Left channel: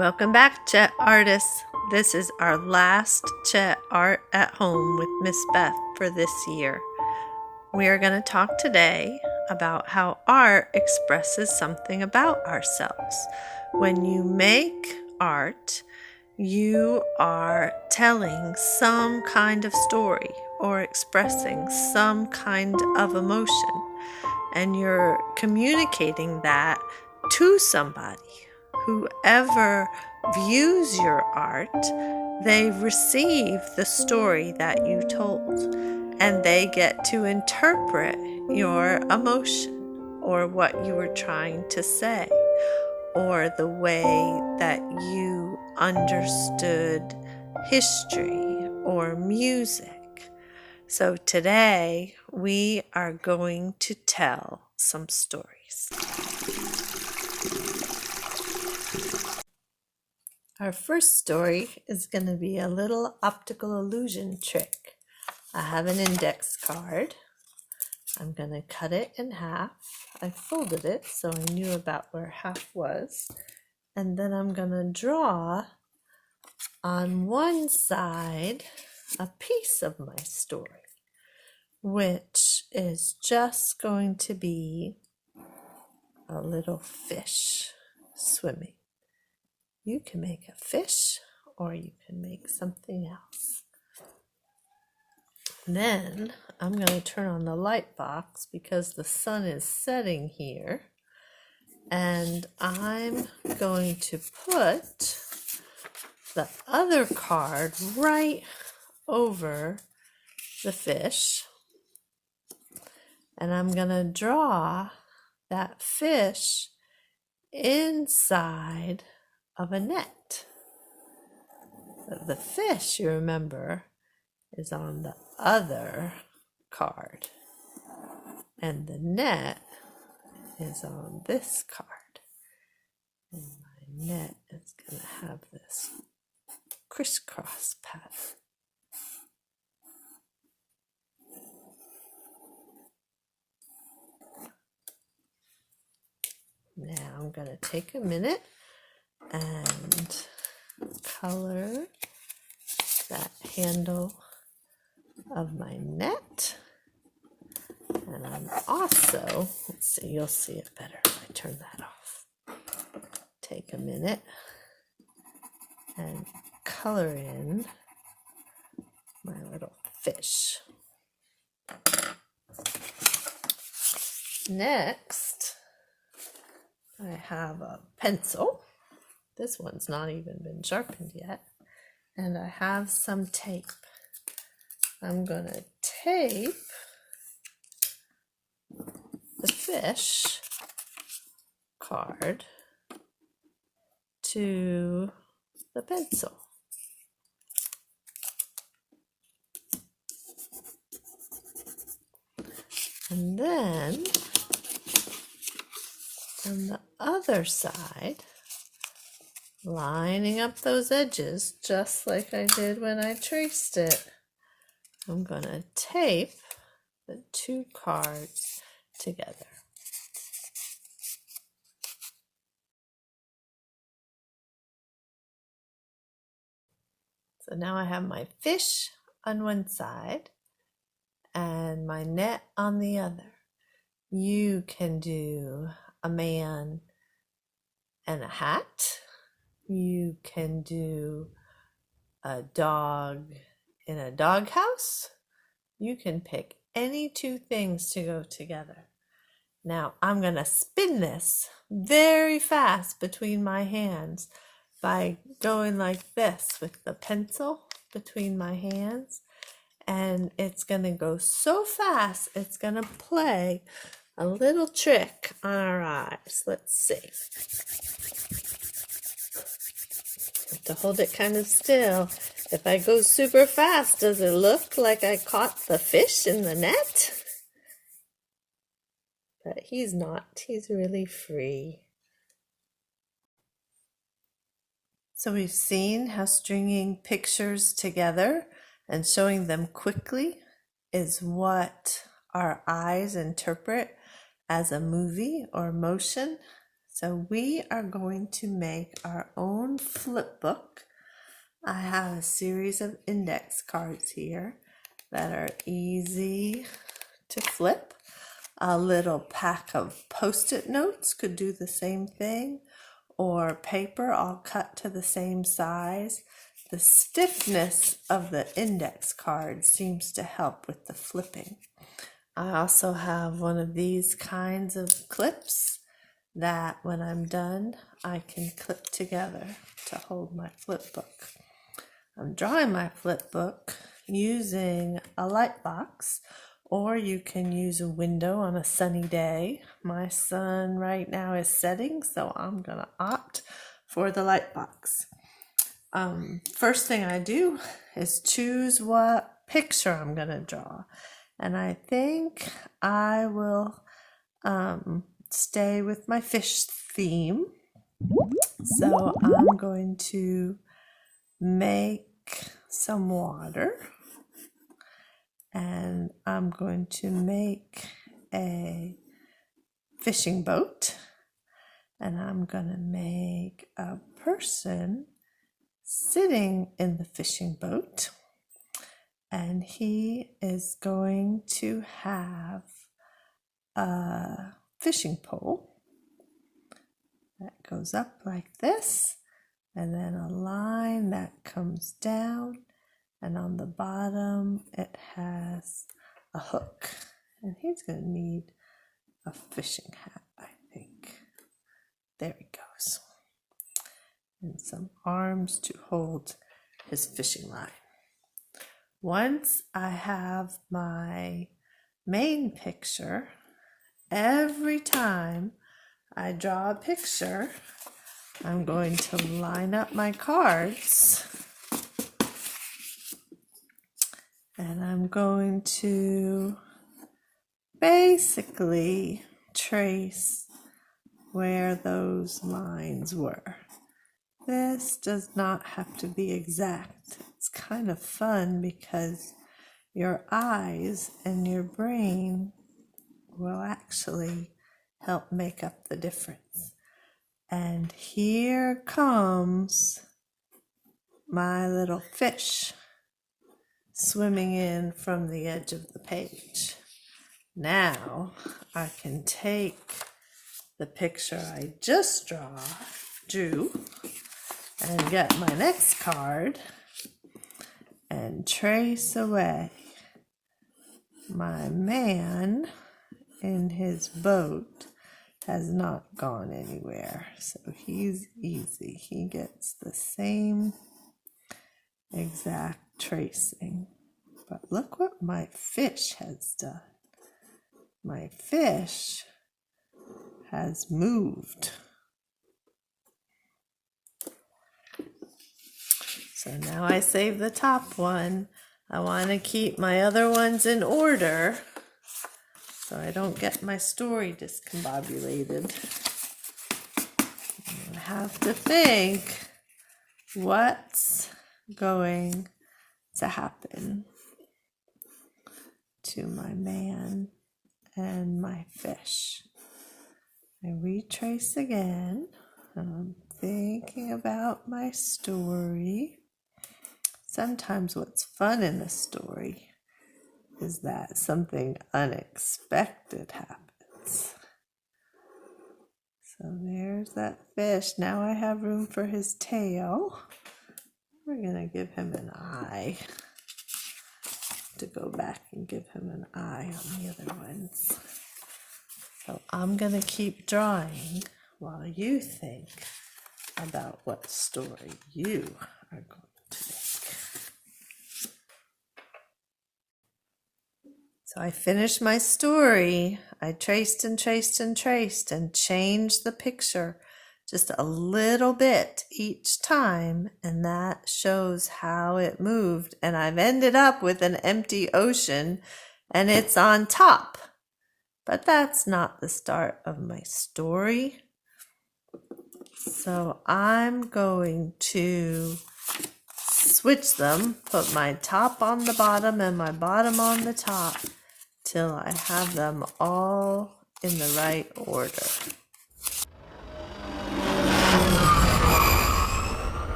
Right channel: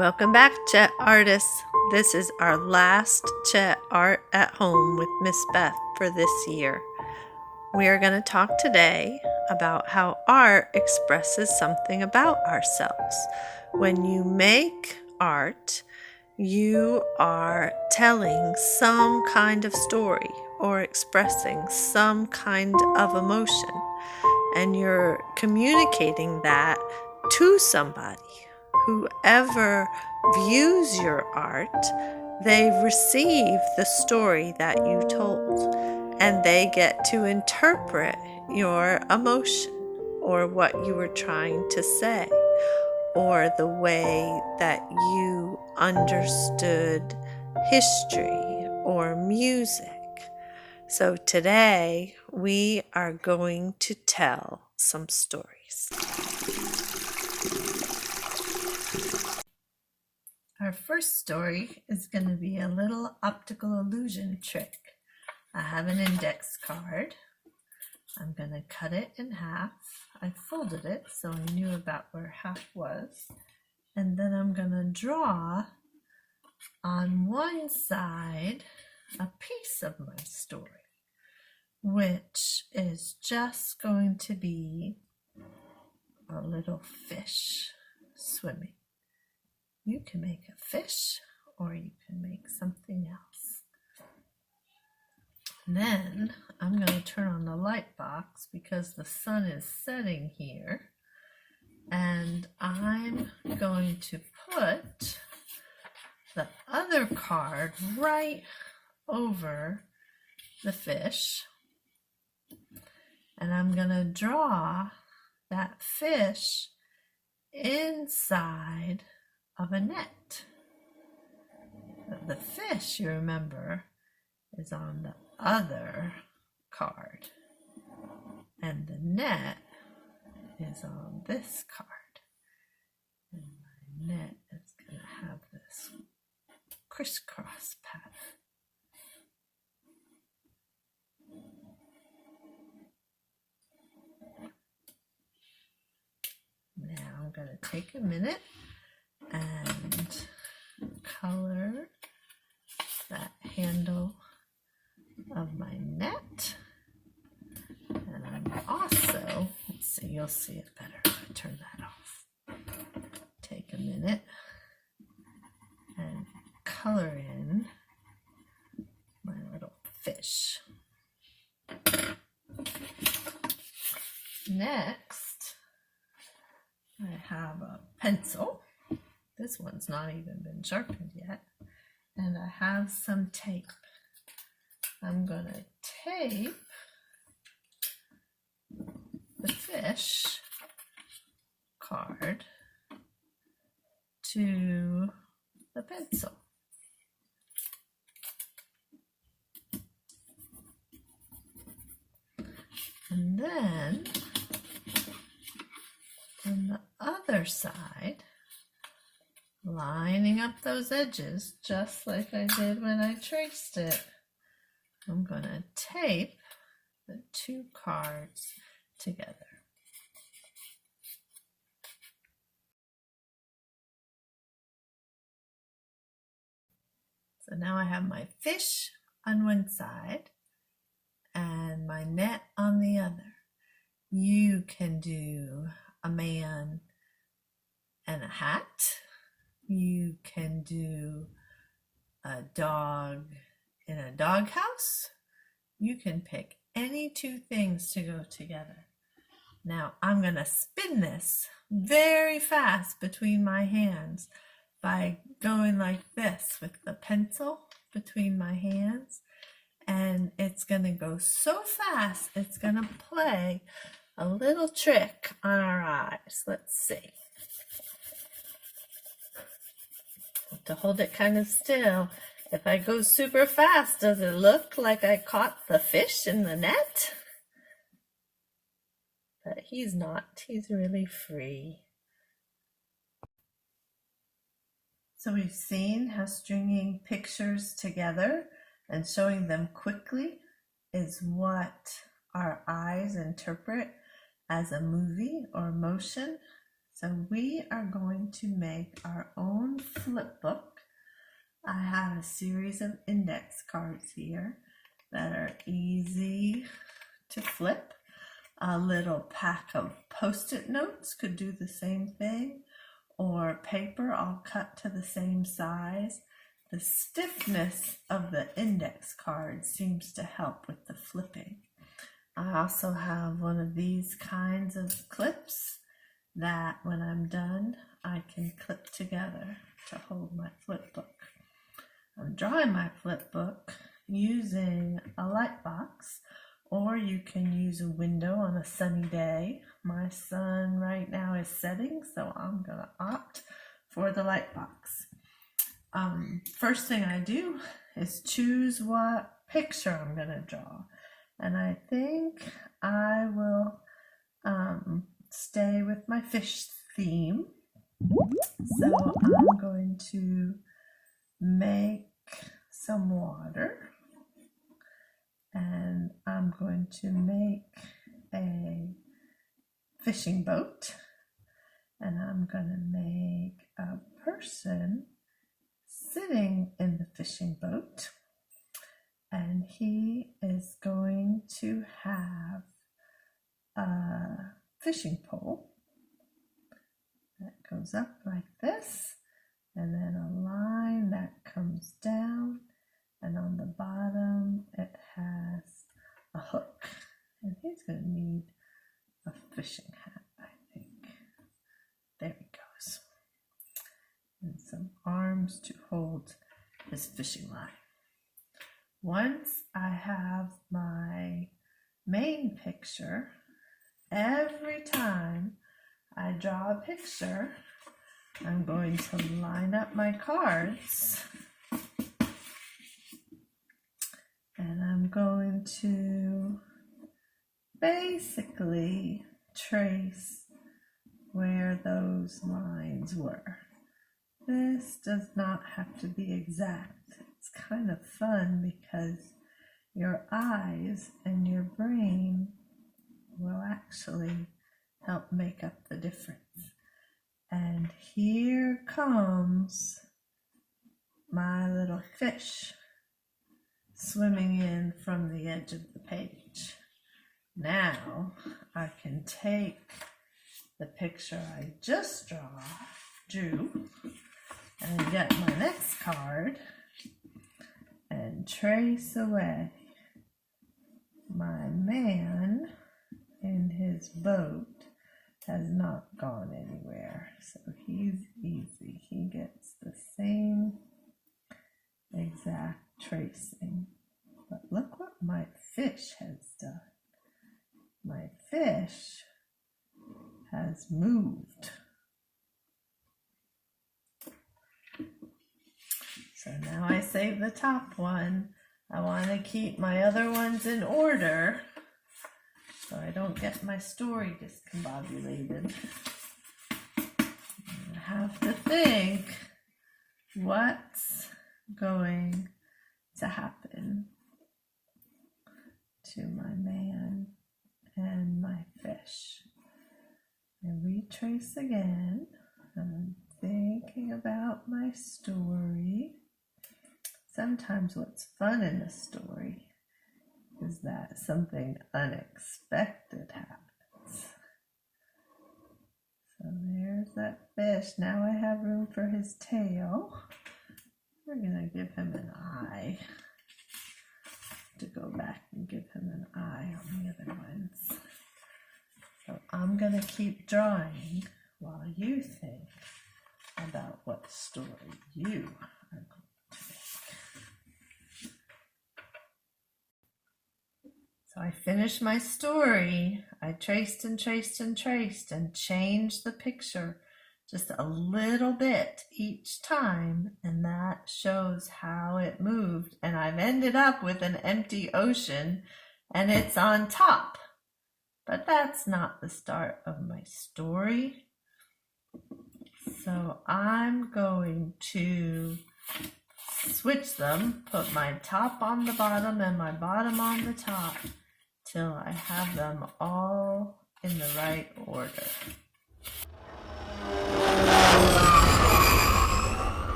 Welcome back, CHET artists. This is our last CHET Art at Home with Ms Beth for this year. We are going to talk today about how art expresses something about ourselves. When you make art, you are telling some kind of story or expressing some kind of emotion, and you're communicating that to somebody. Whoever views your art, they receive the story that you told, and they get to interpret your emotion or what you were trying to say, or the way that you understood history or music. So today we are going to tell some stories. Our first story is going to be a little optical illusion trick. I have an index card. I'm going to cut it in half. I folded it so I knew about where half was. And then I'm going to draw on one side a piece of my story, which is just going to be a little fish swimming. You can make a fish or you can make something else. Then I'm going to turn on the light box because the sun is setting here. And I'm going to put the other card right over the fish. And I'm going to draw that fish inside of a net. The fish, you remember, is on the other card, and the net is on this card. And my net is going to have this crisscross pattern. Now I'm going to take a minute and color that handle of my net. And I'm also, let's see, you'll see it better if I turn that off. Take a minute and color in my little fish. Next, I have a pencil. This one's not even been sharpened yet. And I have some tape. I'm going to tape the fish card to the pencil. And then on the other side, lining up those edges just like I did when I traced it, I'm going to tape the two cards together. So now I have my fish on one side and my net on the other. You can do a man and a hat. You can do a dog in a doghouse. You can pick any two things to go together. Now I'm going to spin this very fast between my hands by going like this with the pencil between my hands. And it's going to go so fast, it's going to play a little trick on our eyes. Let's see. To hold it kind of still. If I go super fast, does it look like I caught the fish in the net? But he's not. He's really free. So we've seen how stringing pictures together and showing them quickly is what our eyes interpret as a movie or motion. So we are going to make our own flip book. I have a series of index cards here that are easy to flip. A little pack of Post-it notes could do the same thing, or paper all cut to the same size. The stiffness of the index card seems to help with the flipping. I also have one of these kinds of clips that when I'm done, I can clip together to hold my flip book. I'm drawing my flip book using a light box, or you can use a window on a sunny day. My sun right now is setting, so I'm gonna opt for the light box. First thing I do is choose what picture I'm gonna draw. And I think I will stay with my fish theme. So I'm going to make some water, and I'm going to make a fishing boat, and I'm going to make a person sitting in the fishing boat, and he is going to have a fishing pole that goes up like this, and then a line that comes down, and on the bottom it has a hook, and he's going to need a fishing hat, I think. There he goes. And some arms to hold his fishing line. Once I have my main picture, every time I draw a picture, I'm going to line up my cards, and I'm going to basically trace where those lines were. This does not have to be exact. It's kind of fun because your eyes and your brain will actually help make up the difference. And here comes my little fish swimming in from the edge of the page. Now I can take the picture I just drew and get my next card and trace away my man in his boat. Has not gone anywhere, so he's easy. He gets the same exact tracing. But look what my fish has done. My fish has moved. So now I save the top one. I want to keep my other ones in order so I don't get my story discombobulated. I have to think what's going to happen to my man and my fish. I retrace again. I'm thinking about my story. Sometimes what's fun in a story is that something unexpected happens. So there's that fish. Now I have room for his tail. We're going to give him an eye. To go back and give him an eye on the other ones. So I'm going to keep drawing while you think about what story you are going to make. So I finished my story. I traced and traced and traced and changed the picture just a little bit each time, and that shows how it moved. And I've ended up with an empty ocean, and it's on top. But that's not the start of my story. So I'm going to switch them, put my top on the bottom and my bottom on the top till I have them all in the right order.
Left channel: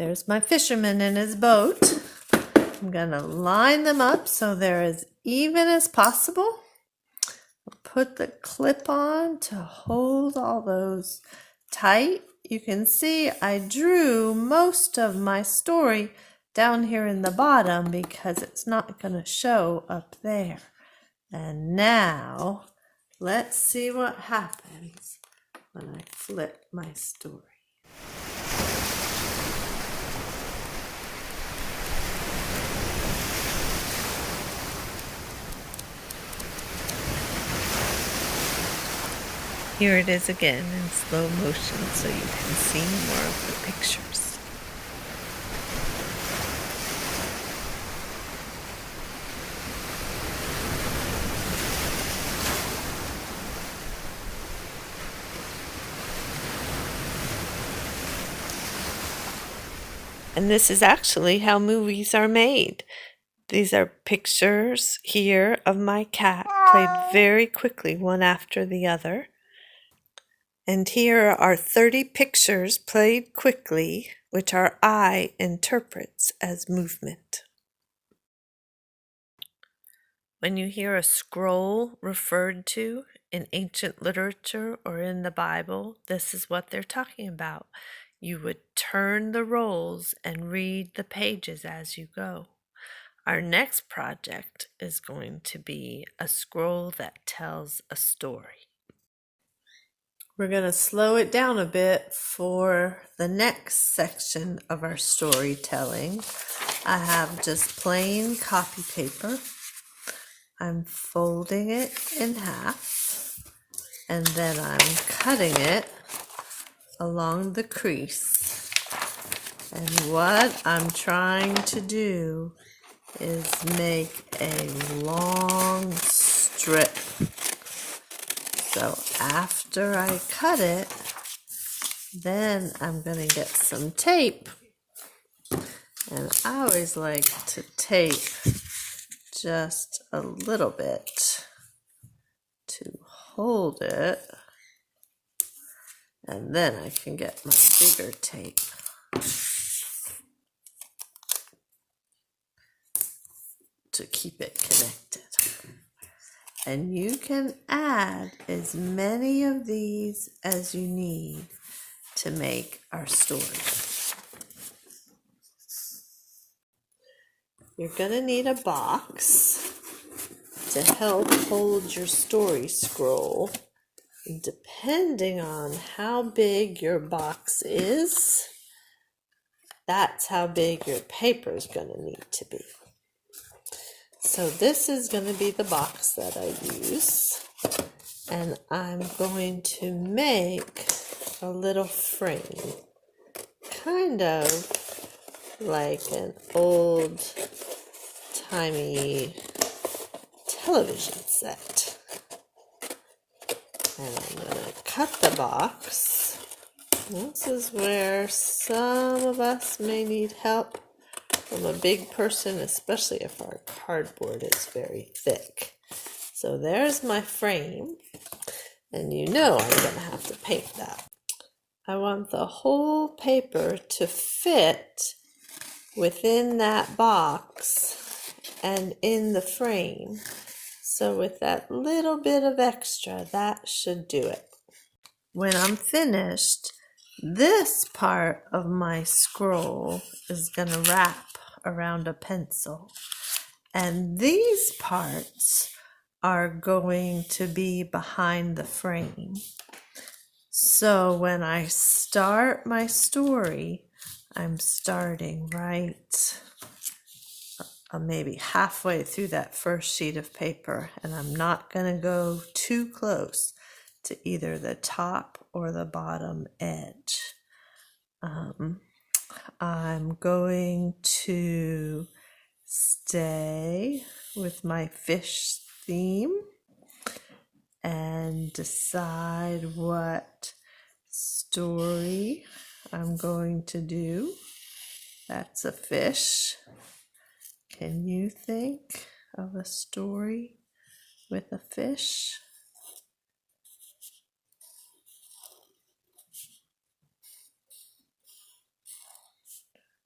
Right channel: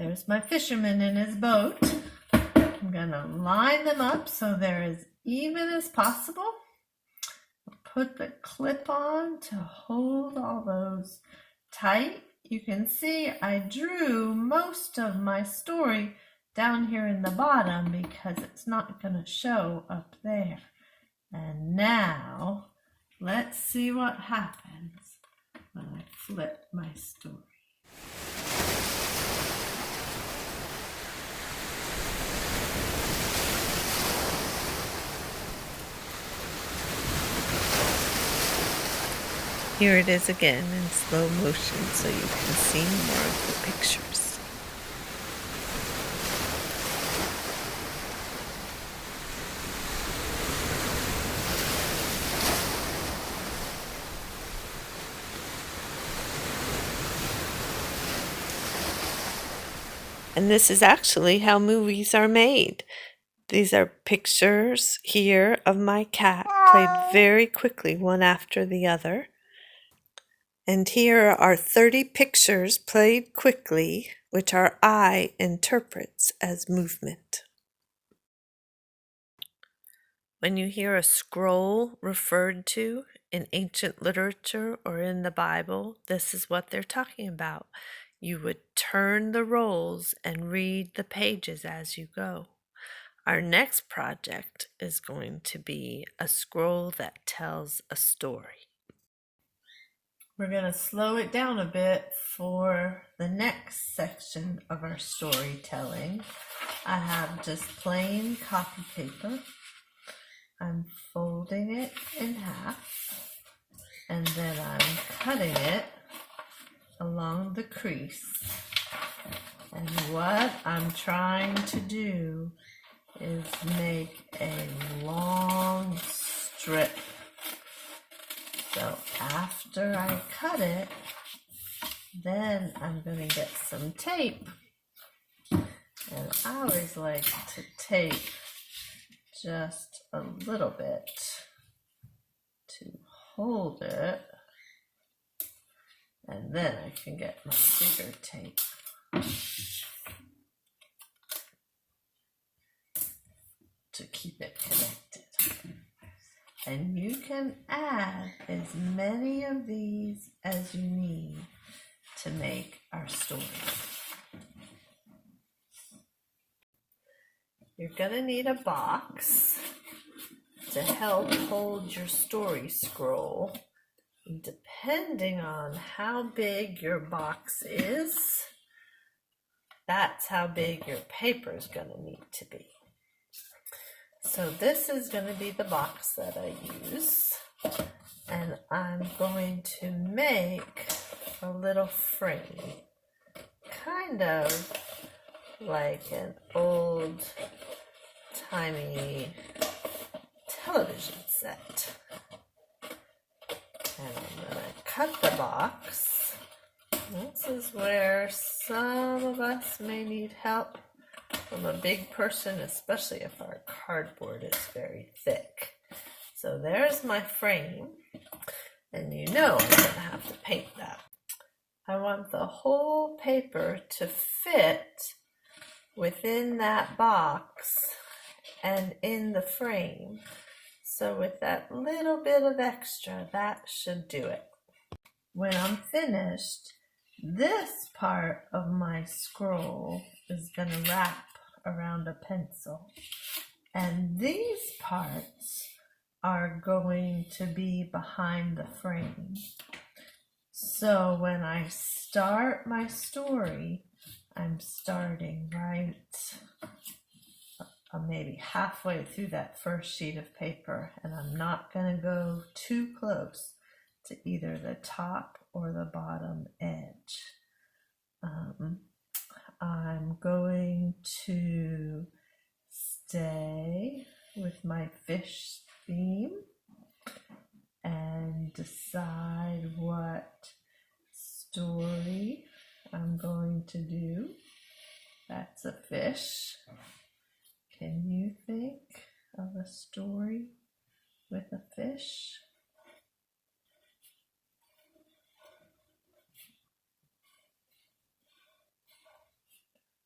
There's my fisherman in his boat. I'm going to line them up so they're as even as possible. Put the clip on to hold all those tight. You can see I drew most of my story down here in the bottom because it's not going to show up there. And now let's see what happens when I flip my story. Here it is again in slow motion so you can see more of the pictures. And this is actually how movies are made. These are pictures here of my cat played very quickly one after the other. And here are 30 pictures played quickly, which our eye interprets as movement. When you hear a scroll referred to in ancient literature or in the Bible, this is what they're talking about. You would turn the rolls and read the pages as you go. Our next project is going to be a scroll that tells a story. We're going to slow it down a bit for the next section of our storytelling. I have just plain copy paper. I'm folding it in half, and then I'm cutting it along the crease. And what I'm trying to do is make a long strip. So after I cut it, then I'm going to get some tape. And I always like to tape just a little bit to hold it. And then I can get my bigger tape. To keep it connected. And you can add as many of these as you need to make our story. You're going to need a box to help hold your story scroll. Depending on how big your box is, that's how big your paper is going to need to be. So this is going to be the box that I use, and I'm going to make a little frame, kind of like an old-timey television set. And I'm going to cut the box. This is where some of us may need help from a big person, especially if our cardboard is very thick. So there's my frame, and you know I'm going to have to paint that. I want the whole paper to fit within that box and in the frame. So with that little bit of extra, that should do it. When I'm finished, this part of my scroll is going to wrap around a pencil, and these parts are going to be behind the frame. So when I start my story, I'm starting right maybe halfway through that first sheet of paper, and I'm not going to go too close to either the top or the bottom edge. I'm going to stay with my fish theme and decide what story I'm going to do. That's a fish. Can you think of a story with a fish?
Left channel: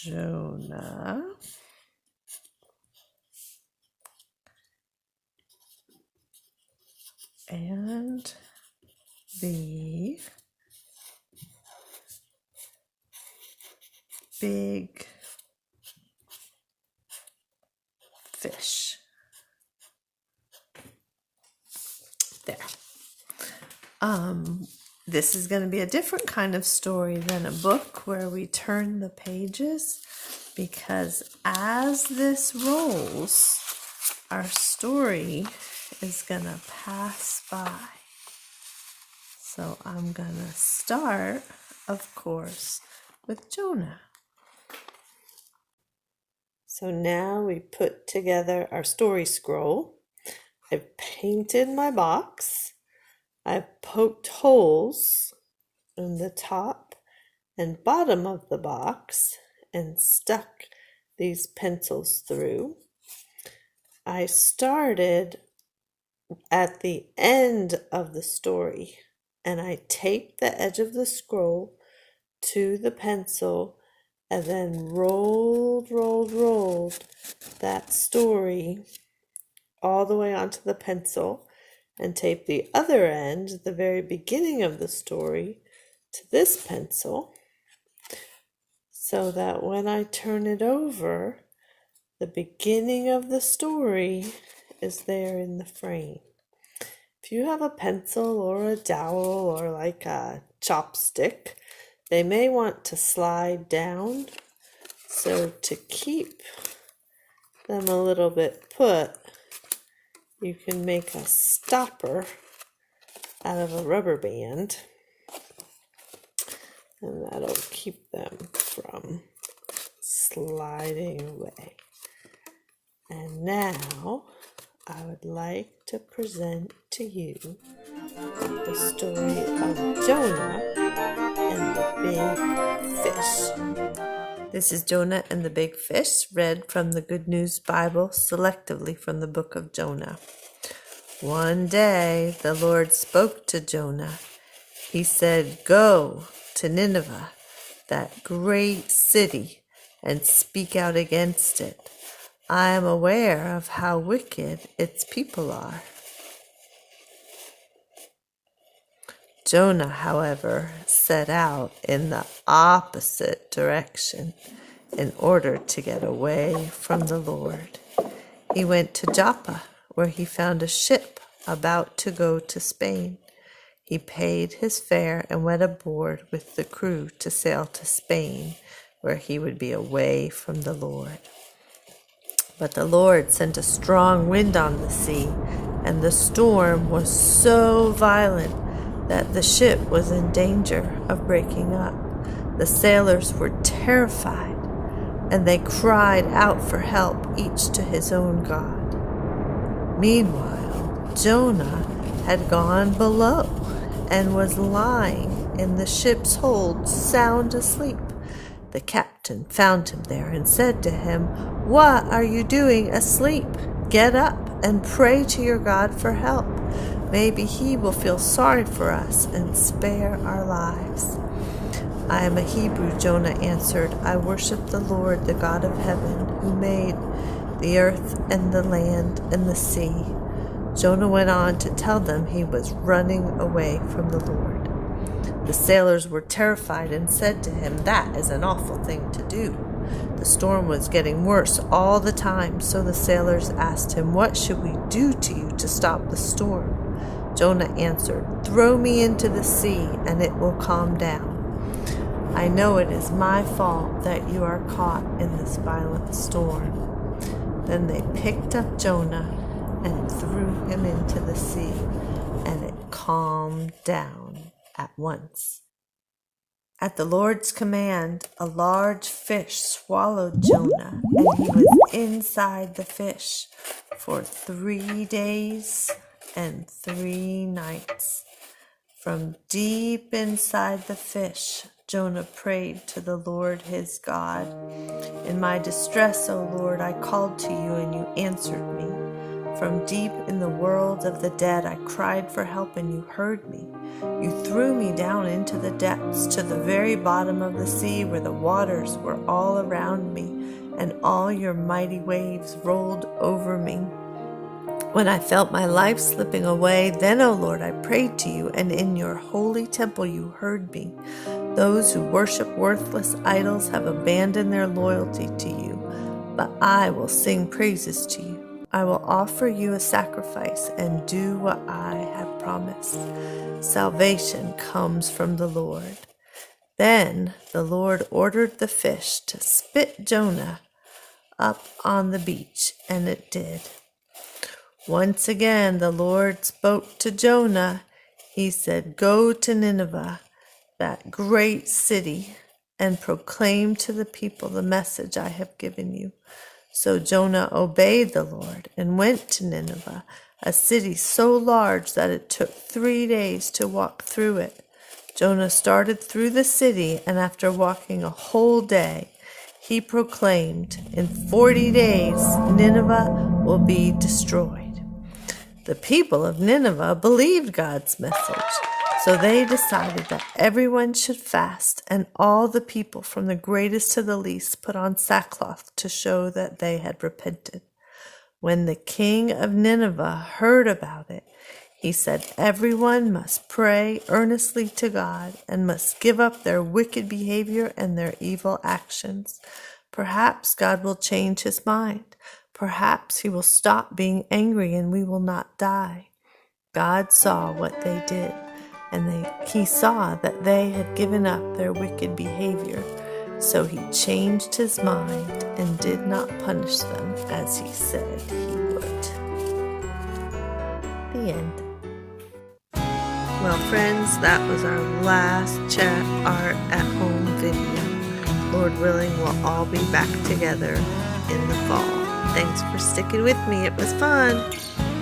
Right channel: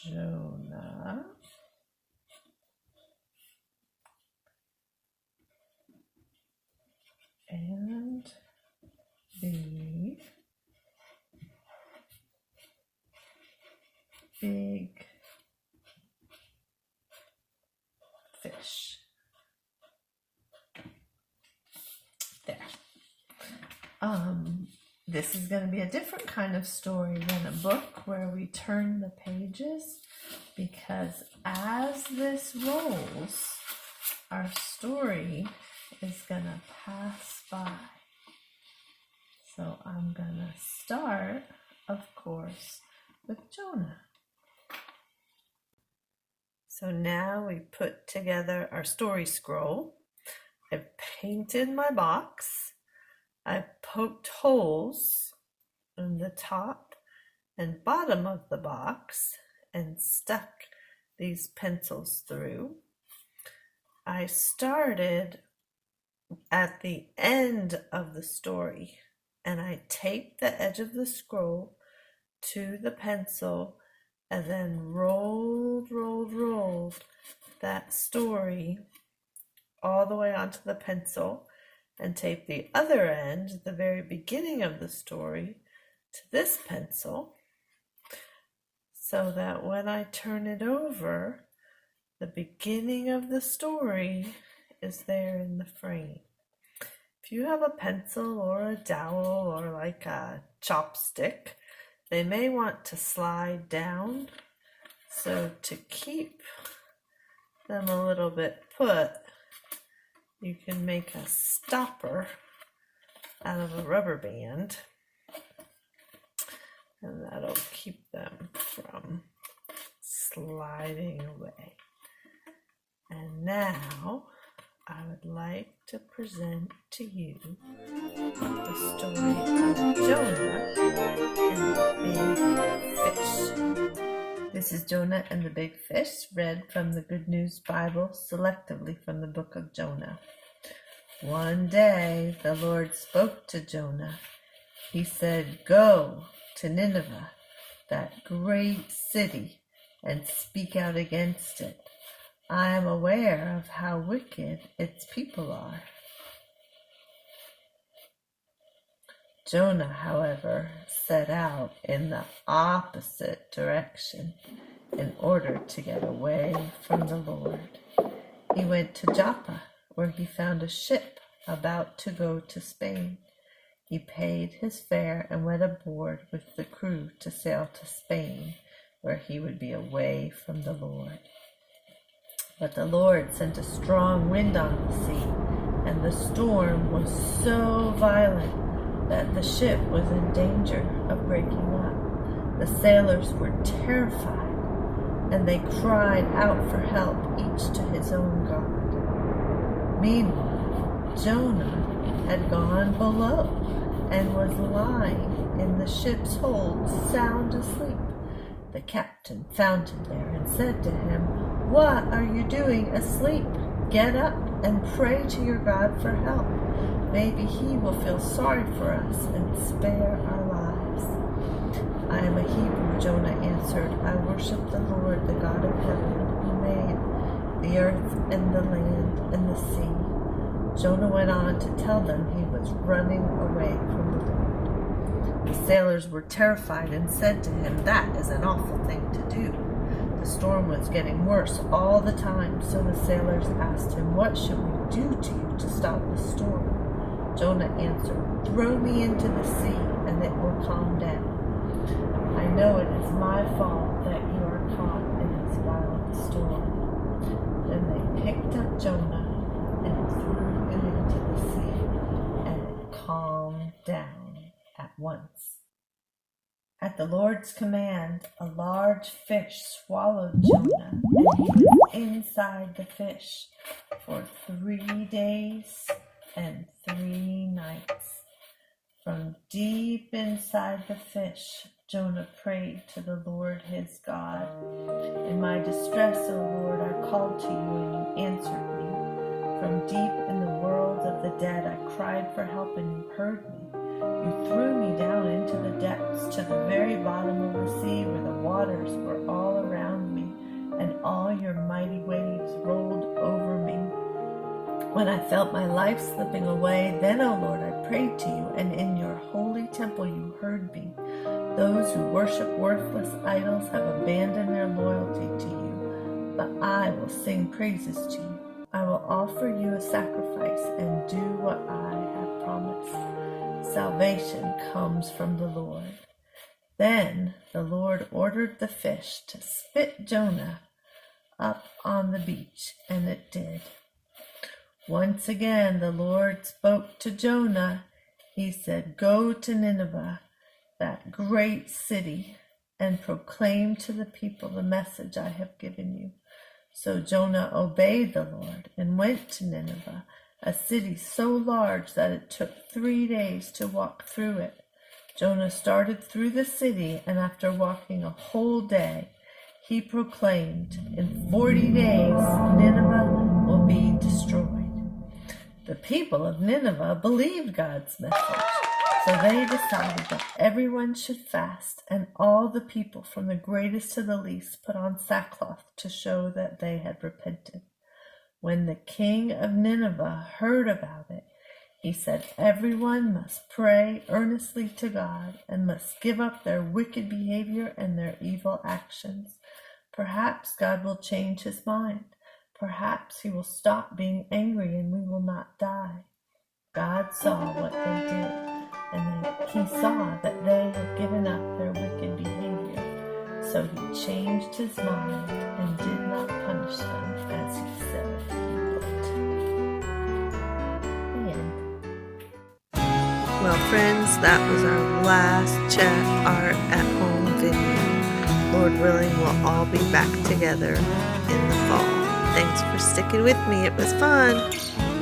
Jonah and the big fish. There. This is going to be a different kind of story than a book where we turn the pages, because as this rolls, our story is going to pass by. So I'm going to start, of course, with Jonah. So now we put together our story scroll. I've painted my box. I've poked holes in the top and bottom of the box and stuck these pencils through. I started at the end of the story and I taped the edge of the scroll to the pencil and then rolled that story all the way onto the pencil and tape the other end, the very beginning of the story, to this pencil, so that when I turn it over, the beginning of the story is there in the frame. If you have a pencil or a dowel or like a chopstick, they may want to slide down. So to keep them a little bit put, you can make a stopper out of a rubber band, and that'll keep them from sliding away. And now I would like to present to you the story of Jonah and the big fish. This is Jonah and the Big Fish, read from the Good News Bible, selectively from the book of Jonah. One day the Lord spoke to Jonah. He said, "Go to Nineveh, that great city, and speak out against it. I am aware of how wicked its people are." Jonah, however, set out in the opposite direction in order to get away from the Lord. He went to Joppa, where he found a ship about to go to Spain. He paid his fare and went aboard with the crew to sail to Spain, where he would be away from the Lord. But the Lord sent a strong wind on the sea, and the storm was so violent that the ship was in danger of breaking up. The sailors were terrified, and they cried out for help, each to his own god. Meanwhile, Jonah had gone below and was lying in the ship's hold, sound asleep. The captain found him there and said to him, "What are you doing asleep? Get up and pray to your God for help. Maybe he will feel sorry for us and spare our lives." "I am a Hebrew," Jonah answered. "I worship the Lord, the God of heaven, who made the earth and the land and the sea." Jonah went on to tell them he was running away from the Lord. The sailors were terrified and said to him, "That is an awful thing to do." The storm was getting worse all the time, so the sailors asked him, "What should we do to you to stop the storm?" Jonah answered, "Throw me into the sea, and it will calm down. I know it is my fault that you are caught in this violent storm." Then they picked up Jonah and threw him into the sea, and it calmed down at once. At the Lord's command, a large fish swallowed Jonah, and he was inside the fish for 3 days and 3 nights. From deep inside the fish, Jonah prayed to the Lord his God. "In my distress, O Lord, I called to you and you answered me. From deep in the world of the dead, I cried for help and you heard me. You threw me down into the depths, to the very bottom of the sea, where the waters were all around me, and all your mighty waves rolled over me. When I felt my life slipping away, then, O Lord, I prayed to you, and in your holy temple you heard me. Those who worship worthless idols have abandoned their loyalty to you, but I will sing praises to you. I will offer you a sacrifice and do what I have promised. Salvation comes from the Lord. Then the Lord ordered the fish to spit Jonah up on the beach, and it did. Once again the Lord spoke to Jonah. He said, "Go to Nineveh, that great city, and proclaim to the people the message I have given you." So Jonah obeyed the Lord and went to Nineveh, a city so large that it took 3 days to walk through it. Jonah started through the city, and after walking a whole day, he proclaimed, "In 40 days, Nineveh will be destroyed." The people of Nineveh believed God's message, so they decided that everyone should fast, and all the people, from the greatest to the least, put on sackcloth to show that they had repented. When the king of Nineveh heard about it, he said everyone must pray earnestly to God and must give up their wicked behavior and their evil actions. Perhaps God will change his mind. Perhaps he will stop being angry and we will not die. God saw what they did, and he saw that they had given up their wicked behavior. So he changed his mind and did not punish them as he said he would. The end. Well, friends, that was our last CHET Art at Home video. Lord willing, we'll all be back together in the fall. Thanks for sticking with me. It was fun.